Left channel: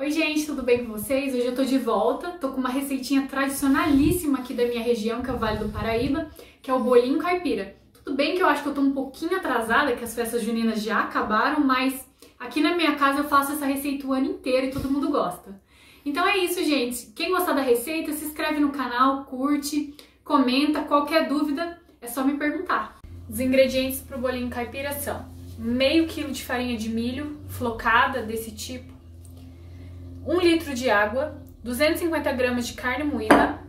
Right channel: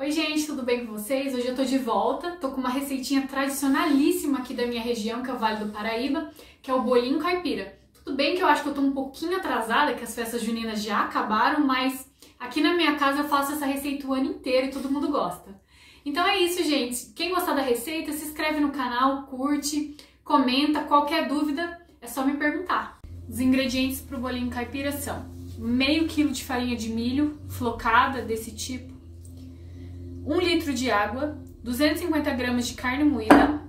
Oi gente, tudo bem com vocês? Hoje eu tô de volta, tô com uma receitinha tradicionalíssima aqui da minha região, que é o Vale do Paraíba, que é o bolinho caipira. Tudo bem que eu acho que eu tô um pouquinho atrasada, que as festas juninas já acabaram, mas aqui na minha casa eu faço essa receita o ano inteiro e todo mundo gosta. Então é isso, gente. Quem gostar da receita, se inscreve no canal, curte, comenta, qualquer dúvida é só me perguntar. Os ingredientes para o bolinho caipira são meio quilo de farinha de milho, flocada desse tipo, 1 litro de água, 250 gramas de carne moída,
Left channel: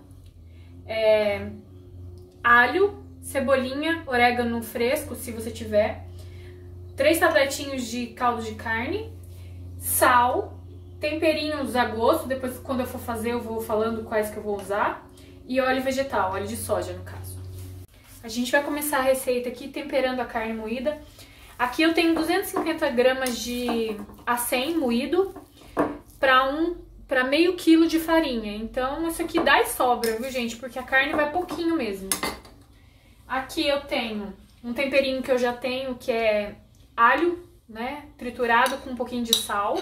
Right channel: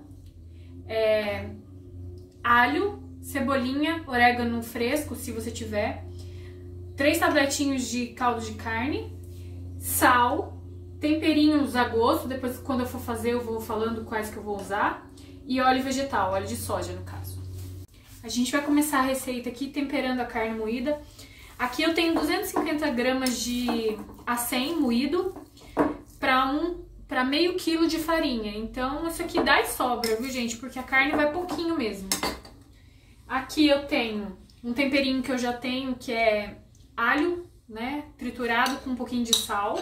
alho, cebolinha, orégano fresco, se você tiver, 3 tabletinhos de caldo de carne, sal, temperinhos a gosto, depois quando eu for fazer eu vou falando quais que eu vou usar, e óleo vegetal, óleo de soja no caso. A gente vai começar a receita aqui temperando a carne moída. Aqui eu tenho 250 gramas de acém moído para meio quilo de farinha. Então isso aqui dá e sobra, viu gente? Porque a carne vai pouquinho mesmo. Aqui eu tenho um temperinho que eu já tenho, que é alho, né? Triturado com um pouquinho de sal.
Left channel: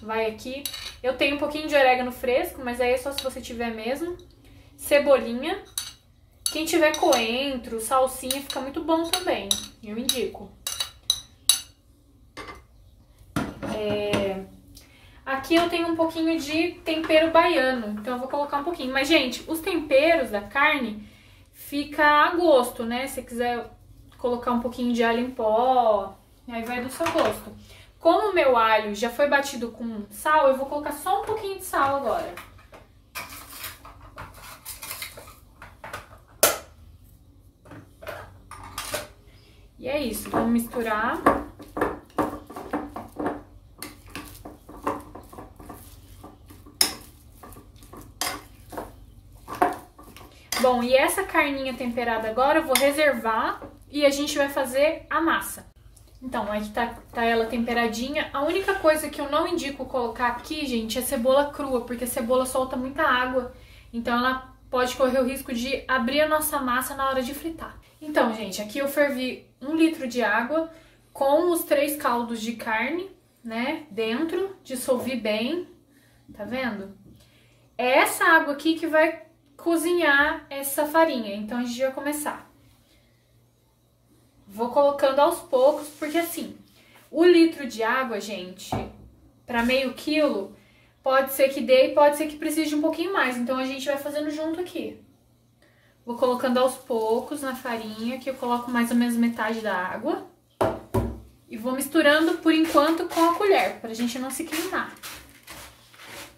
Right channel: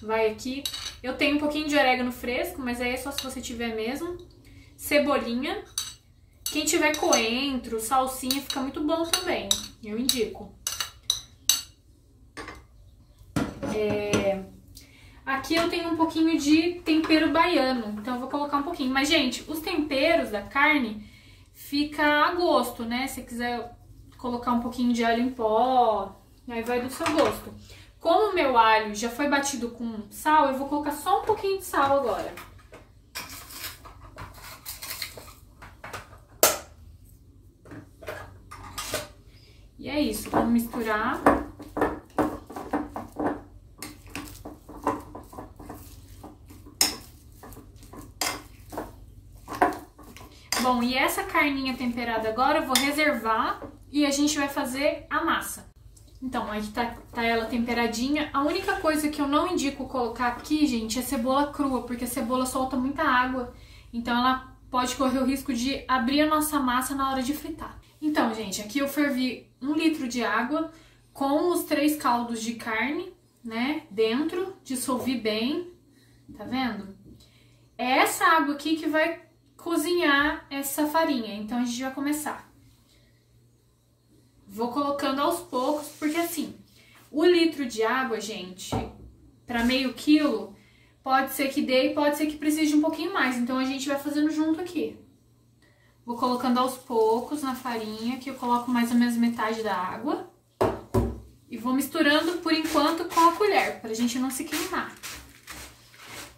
Vai aqui. Eu tenho um pouquinho de orégano fresco, mas aí é só se você tiver mesmo. Cebolinha. Quem tiver coentro, salsinha, fica muito bom também. Eu indico. Aqui eu tenho um pouquinho de tempero baiano, então eu vou colocar um pouquinho. Mas, gente, os temperos da carne fica a gosto, né? Se quiser colocar um pouquinho de alho em pó, aí vai do seu gosto. Como o meu alho já foi batido com sal, eu vou colocar só um pouquinho de sal agora. E é isso, vamos misturar. Bom, e essa carninha temperada agora eu vou reservar e a gente vai fazer a massa. Então, aqui tá ela temperadinha. A única coisa que eu não indico colocar aqui, gente, é cebola crua, porque a cebola solta muita água. Então, ela pode correr o risco de abrir a nossa massa na hora de fritar. Então, gente, aqui eu fervi 1 litro de água com os 3 caldos de carne, né, dentro, dissolvi bem, tá vendo? É essa água aqui que vai cozinhar essa farinha, então a gente vai começar. Vou colocando aos poucos, porque assim, o litro de água, gente, para meio quilo, pode ser que dê e pode ser que precise de um pouquinho mais, então a gente vai fazendo junto aqui. Vou colocando aos poucos na farinha, que eu coloco mais ou menos metade da água. E vou misturando por enquanto com a colher, pra gente não se queimar.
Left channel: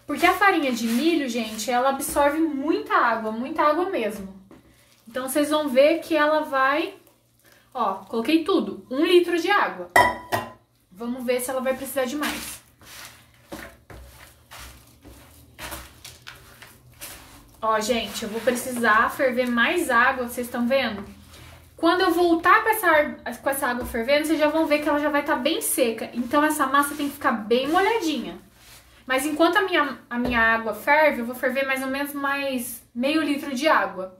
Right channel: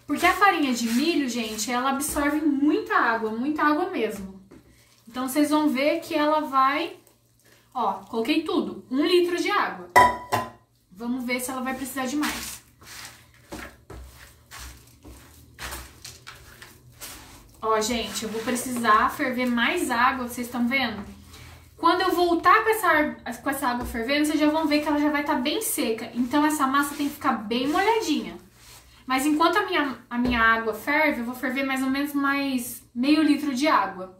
Porque a farinha de milho, gente, ela absorve muita água mesmo. Então, vocês vão ver que ela vai... Ó, coloquei tudo, 1 litro de água. Vamos ver se ela vai precisar de mais. Ó, gente, eu vou precisar ferver mais água, vocês estão vendo? Quando eu voltar com essa água fervendo, vocês já vão ver que ela já vai estar bem seca. Então, essa massa tem que ficar bem molhadinha. Mas enquanto a minha água ferve, eu vou ferver mais ou menos mais meio litro de água.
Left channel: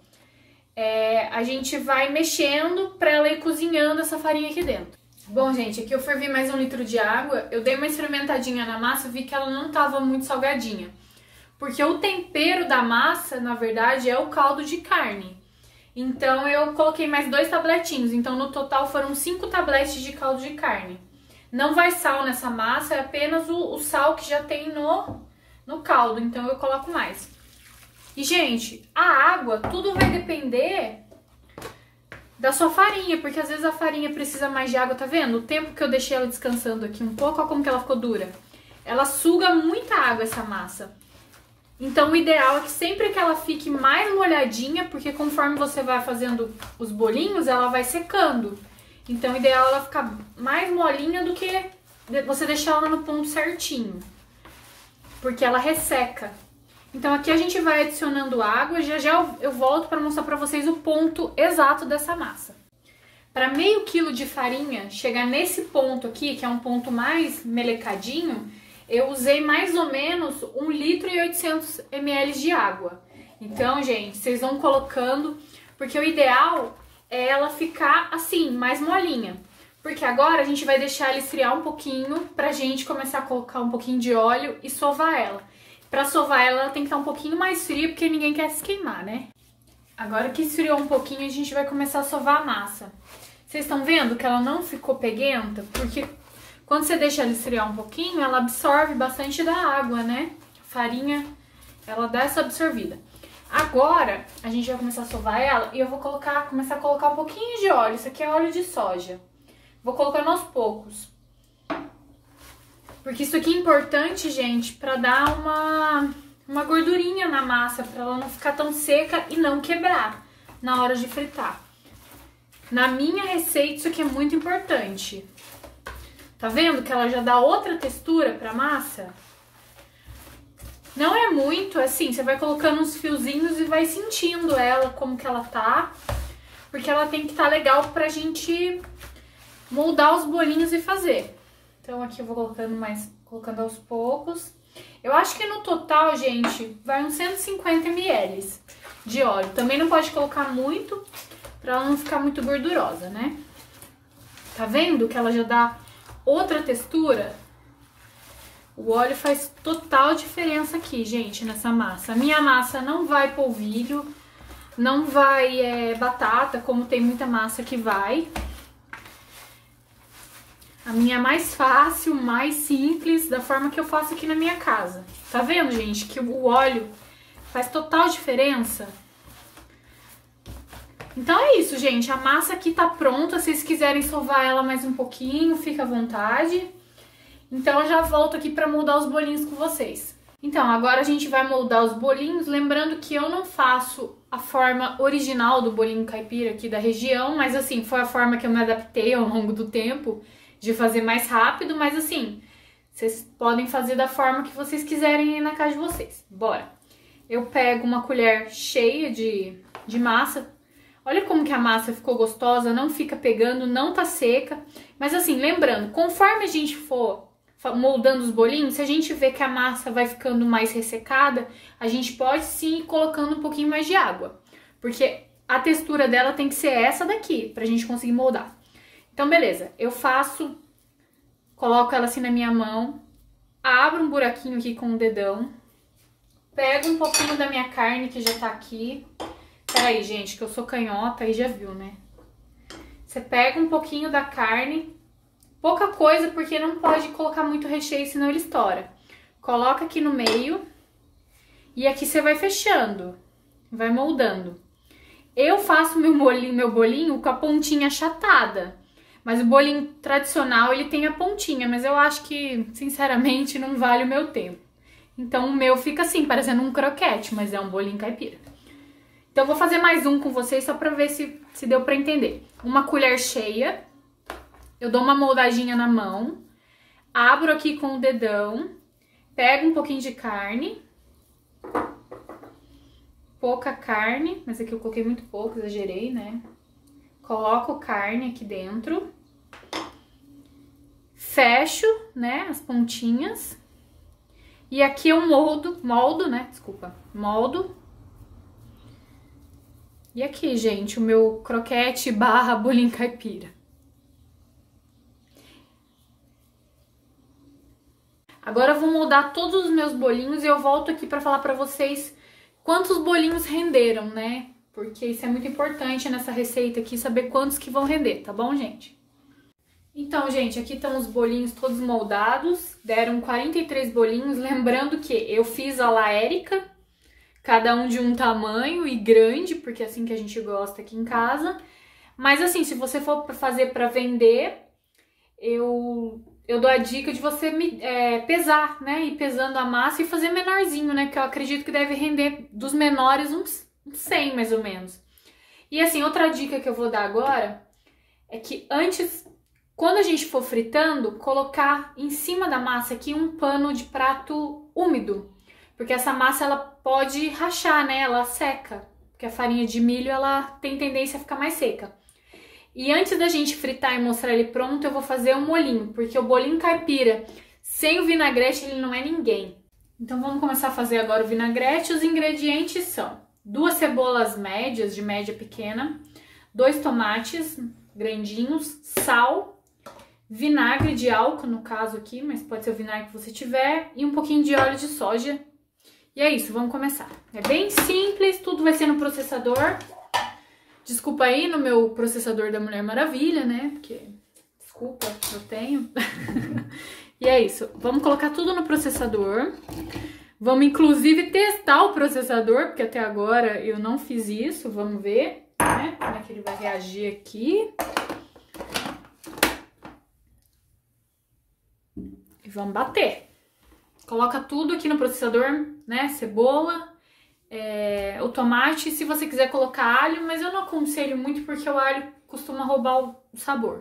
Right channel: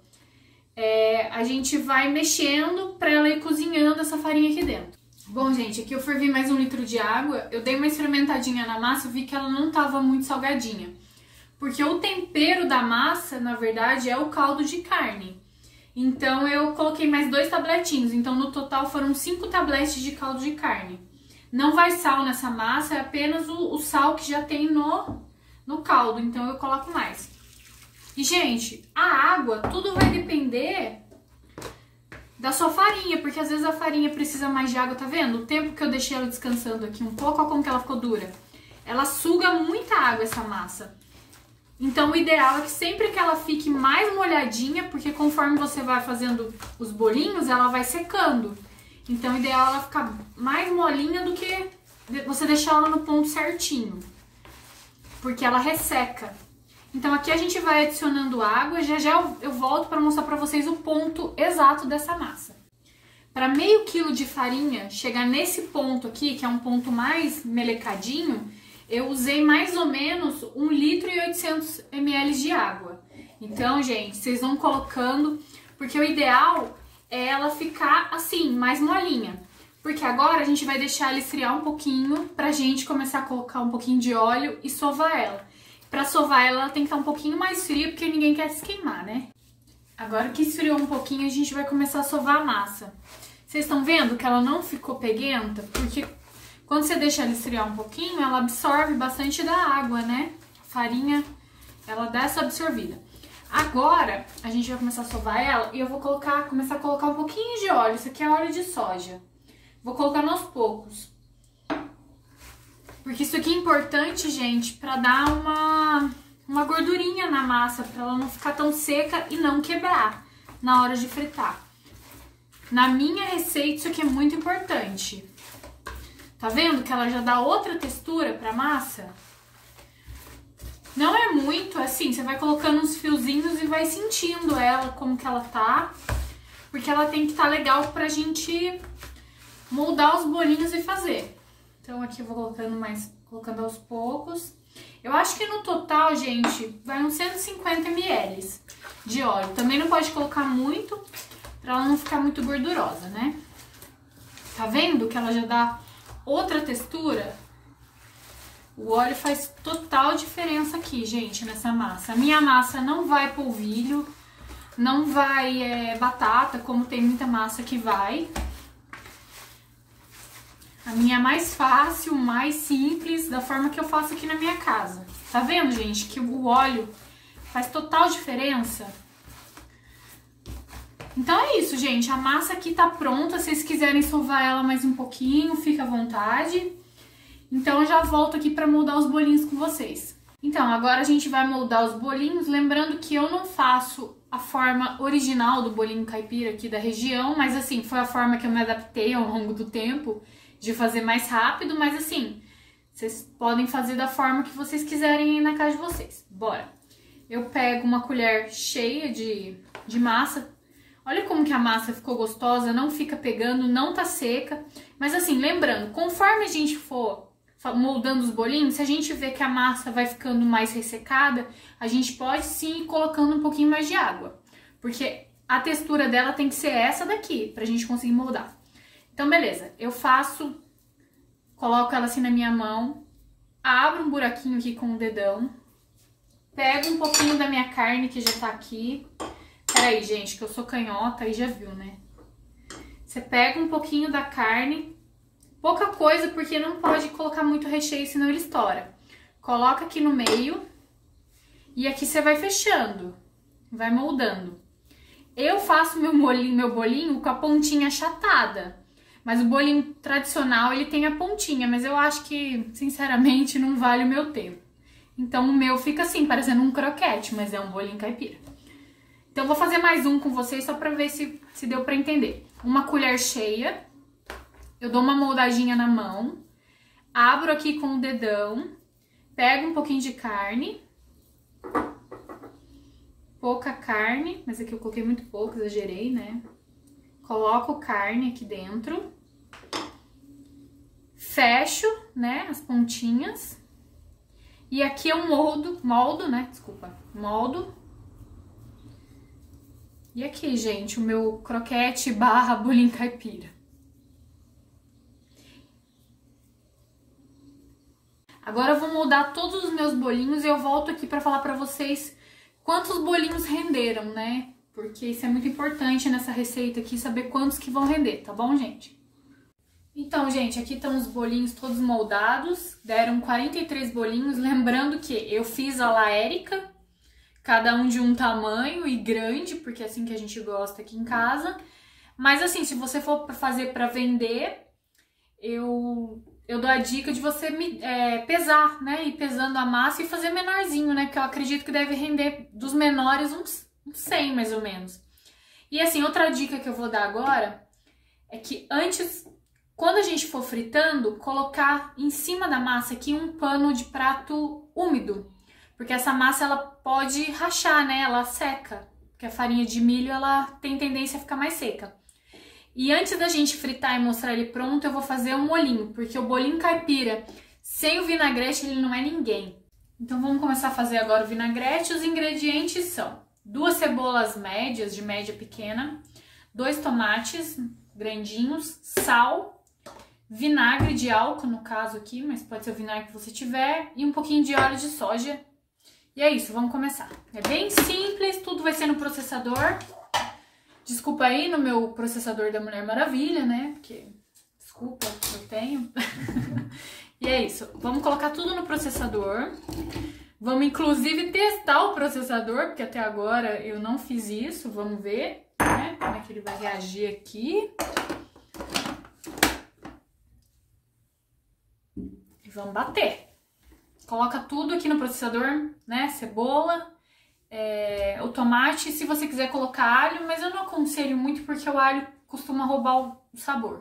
A gente vai mexendo para ela ir cozinhando essa farinha aqui dentro. Bom, gente, aqui eu fervi mais 1 litro de água. Eu dei uma experimentadinha na massa e vi que ela não estava muito salgadinha. Porque o tempero da massa, na verdade, é o caldo de carne. Então, eu coloquei mais 2 tabletinhos. Então, no total, foram 5 tabletes de caldo de carne. Não vai sal nessa massa, é apenas o sal que já tem no caldo. Então, eu coloco mais. E, gente, a água, tudo vai depender da sua farinha. Porque, às vezes, a farinha precisa mais de água, tá vendo? O tempo que eu deixei ela descansando aqui um pouco, olha como que ela ficou dura. Ela suga muita água, essa massa. Então, o ideal é que sempre que ela fique mais molhadinha, porque conforme você vai fazendo os bolinhos, ela vai secando. Então, o ideal é ela ficar mais molinha do que você deixar ela no ponto certinho, porque ela resseca. Então, aqui a gente vai adicionando água, já eu volto para mostrar para vocês o ponto exato dessa massa. Para meio quilo de farinha chegar nesse ponto aqui, que é um ponto mais melecadinho, eu usei mais ou menos 1 litro e 800 ml de água. Então, gente, vocês vão colocando, porque o ideal é ela ficar assim, mais molinha. Porque agora a gente vai deixar ela esfriar um pouquinho pra gente começar a colocar um pouquinho de óleo e sovar ela. Pra sovar ela tem que estar um pouquinho mais fria, porque ninguém quer se queimar, né? Agora que esfriou um pouquinho, a gente vai começar a sovar a massa. Vocês estão vendo que ela não ficou peguenta? Porque quando você deixa ela esfriar um pouquinho, ela absorve bastante da água, né? A farinha, ela dá essa absorvida. Agora, a gente vai começar a sovar ela e eu vou começar a colocar um pouquinho de óleo. Isso aqui é óleo de soja. Vou colocando aos poucos. Porque isso aqui é importante, gente, pra dar uma gordurinha na massa, pra ela não ficar tão seca e não quebrar na hora de fritar. Na minha receita, isso aqui é muito importante. Tá vendo que ela já dá outra textura pra massa? Não é muito, assim, você vai colocando uns fiozinhos e vai sentindo ela, como que ela tá. Porque ela tem que estar legal pra gente moldar os bolinhos e fazer. Então aqui eu vou colocando aos poucos. Eu acho que no total, gente, vai uns 150 ml de óleo. Também não pode colocar muito, pra ela não ficar muito gordurosa, né? Tá vendo que ela já dá outra textura? O óleo faz total diferença aqui, gente, nessa massa. A minha massa não vai polvilho, não vai batata, como tem muita massa que vai. A minha é mais fácil, mais simples, da forma que eu faço aqui na minha casa. Tá vendo, gente, que o óleo faz total diferença? Então é isso, gente. A massa aqui tá pronta. Se vocês quiserem sovar ela mais um pouquinho, fica à vontade. Então eu já volto aqui pra moldar os bolinhos com vocês. Então, agora a gente vai moldar os bolinhos. Lembrando que eu não faço a forma original do bolinho caipira aqui da região. Mas assim, foi a forma que eu me adaptei ao longo do tempo, de fazer mais rápido, mas assim, vocês podem fazer da forma que vocês quiserem aí na casa de vocês. Bora! Eu pego uma colher cheia de massa. Olha como que a massa ficou gostosa, não fica pegando, não tá seca. Mas assim, lembrando, conforme a gente for moldando os bolinhos, se a gente vê que a massa vai ficando mais ressecada, a gente pode sim ir colocando um pouquinho mais de água. Porque a textura dela tem que ser essa daqui, pra gente conseguir moldar. Então, beleza, coloco ela assim na minha mão, abro um buraquinho aqui com o dedão, pego um pouquinho da minha carne que já tá aqui. Peraí, gente, que eu sou canhota, aí já viu, né? Você pega um pouquinho da carne, pouca coisa, porque não pode colocar muito recheio, senão ele estoura. Coloca aqui no meio e aqui você vai fechando, vai moldando. Eu faço meu bolinho com a pontinha achatada. Mas o bolinho tradicional, ele tem a pontinha, mas eu acho que, sinceramente, não vale o meu tempo. Então, o meu fica assim, parecendo um croquete, mas é um bolinho caipira. Então, eu vou fazer mais um com vocês, só pra ver se deu pra entender. Uma colher cheia, eu dou uma moldadinha na mão, abro aqui com o dedão, pego um pouquinho de carne, pouca carne, mas aqui eu coloquei muito pouco, exagerei, né? Coloco carne aqui dentro, fecho, né, as pontinhas, e aqui eu moldo. E aqui, gente, o meu croquete barra bolinho caipira. Agora eu vou moldar todos os meus bolinhos e eu volto aqui pra falar pra vocês quantos bolinhos renderam, né? Porque isso é muito importante nessa receita aqui, saber quantos que vão render, tá bom, gente? Então, gente, aqui estão os bolinhos todos moldados, deram 43 bolinhos, lembrando que eu fiz a la Érica, cada um de um tamanho e grande, porque é assim que a gente gosta aqui em casa. Mas assim, se você for fazer para vender, eu dou a dica de você pesar, né? Ir pesando a massa e fazer menorzinho, né? Porque eu acredito que deve render dos menores uns 100, mais ou menos. E assim, outra dica que eu vou dar agora é que antes, quando a gente for fritando, colocar em cima da massa aqui um pano de prato úmido. Porque essa massa, ela pode rachar, né? Ela seca. Porque a farinha de milho, ela tem tendência a ficar mais seca. E antes da gente fritar e mostrar ele pronto, eu vou fazer um molhinho. Porque o bolinho caipira, sem o vinagrete, ele não é ninguém. Então, vamos começar a fazer agora o vinagrete. Os ingredientes são 2 cebolas médias, de média pequena, 2 tomates grandinhos, sal, vinagre de álcool, no caso aqui, mas pode ser o vinagre que você tiver, e um pouquinho de óleo de soja. E é isso, vamos começar. É bem simples, tudo vai ser no processador. Desculpa aí no meu processador da Mulher Maravilha, né? Porque, desculpa, eu tenho. E é isso, vamos colocar tudo no processador. Vamos, inclusive, testar o processador, porque até agora eu não fiz isso. Vamos ver, né? Como é que ele vai reagir aqui. E vamos bater. Coloca tudo aqui no processador, né? Cebola, o tomate, se você quiser colocar alho, mas eu não aconselho muito porque o alho costuma roubar o sabor.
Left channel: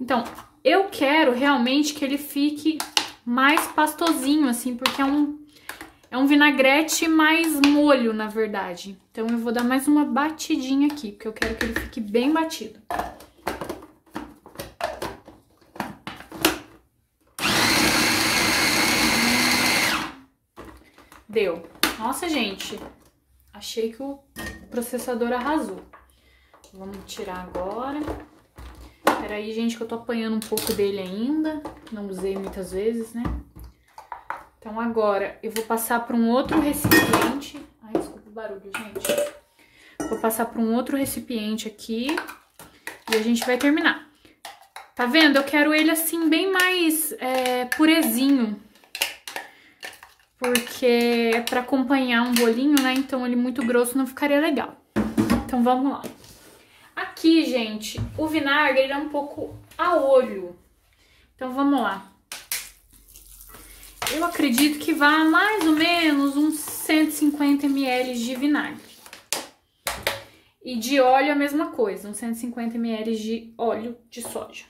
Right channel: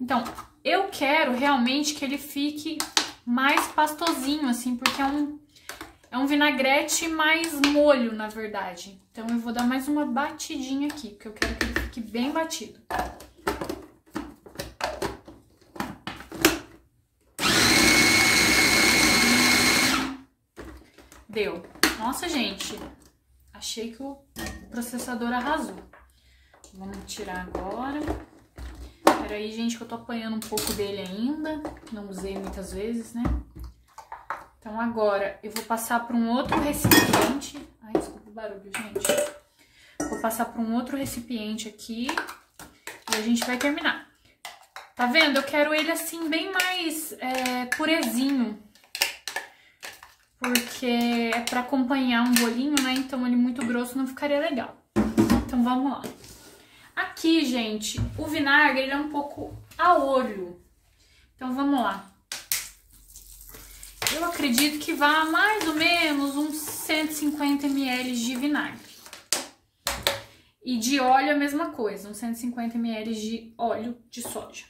Então, eu quero realmente que ele fique mais pastosinho, assim, porque é um vinagrete mais molho, na verdade. Então, eu vou dar mais uma batidinha aqui, porque eu quero que ele fique bem batido. Deu. Nossa, gente, achei que o processador arrasou. Vamos tirar agora. Peraí, gente, que eu tô apanhando um pouco dele ainda. Não usei muitas vezes, né? Então, agora eu vou passar para um outro recipiente. Ai, desculpa o barulho, gente. Vou passar para um outro recipiente aqui. E a gente vai terminar. Tá vendo? Eu quero ele assim, bem mais purezinho. Porque é para acompanhar um bolinho, né? Então, ele muito grosso não ficaria legal. Então, vamos lá. Aqui, gente, o vinagre ele é um pouco a olho. Então, vamos lá. Eu acredito que vá mais ou menos uns 150 ml de vinagre. E de óleo a mesma coisa, uns 150 ml de óleo de soja.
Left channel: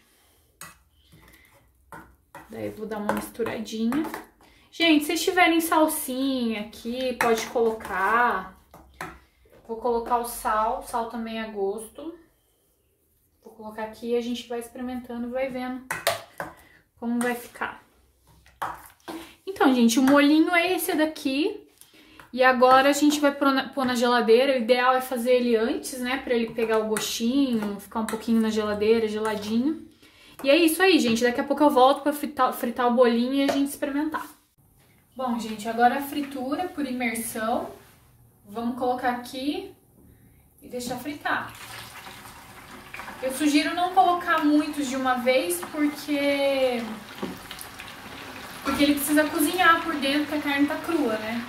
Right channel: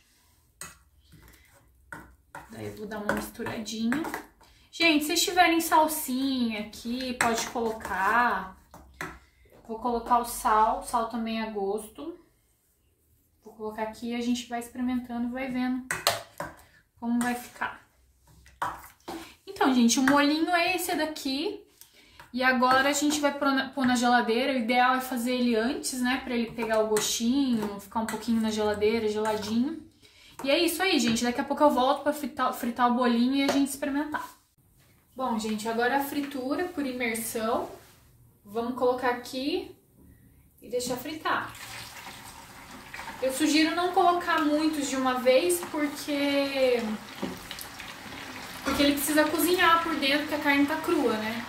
Daí eu vou dar uma misturadinha. Gente, se vocês tiverem salsinha aqui, pode colocar. Vou colocar o sal também a gosto. Vou colocar aqui e a gente vai experimentando, vai vendo como vai ficar. Então, gente, o molhinho é esse daqui. E agora a gente vai pôr na geladeira. O ideal é fazer ele antes, né? Pra ele pegar o gostinho, ficar um pouquinho na geladeira, geladinho. E é isso aí, gente. Daqui a pouco eu volto pra fritar o bolinho e a gente experimentar. Bom, gente, agora a fritura por imersão. Vamos colocar aqui e deixar fritar. Eu sugiro não colocar muitos de uma vez, porque ele precisa cozinhar por dentro, porque a carne tá crua, né?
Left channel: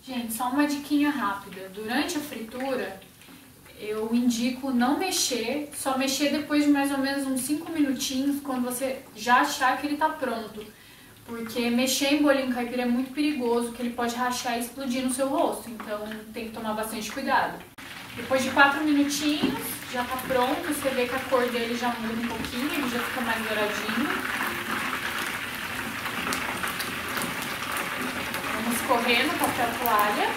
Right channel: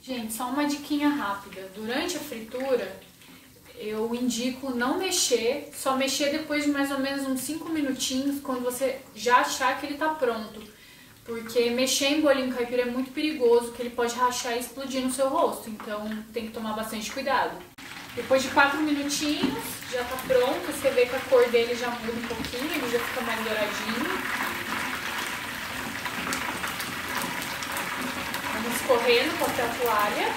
Gente, só uma diquinha rápida. Durante a fritura, eu indico não mexer, só mexer depois de mais ou menos uns 5 minutinhos, quando você já achar que ele tá pronto. Porque mexer em bolinho caipira é muito perigoso, que ele pode rachar e explodir no seu rosto. Então, tem que tomar bastante cuidado. Depois de 4 minutinhos, já tá pronto. Você vê que a cor dele já muda um pouquinho, ele já fica mais douradinho. Vamos escorrer no papel toalha.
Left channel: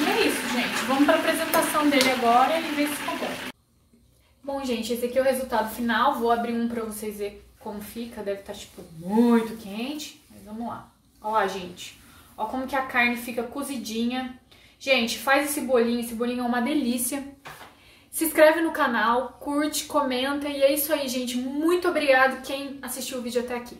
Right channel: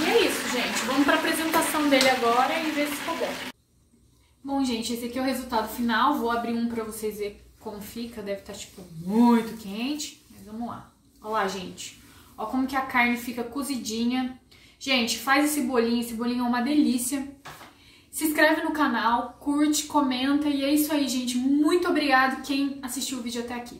E é isso, gente. Vamos para a apresentação dele agora e ver se ficou bom. Bom, gente, esse aqui é o resultado final. Vou abrir um para vocês verem como fica. Deve estar, tipo, muito quente. Mas vamos lá. Olha lá, gente. Olha como que a carne fica cozidinha. Gente, faz esse bolinho é uma delícia. Se inscreve no canal, curte, comenta. E é isso aí, gente. Muito obrigada quem assistiu o vídeo até aqui.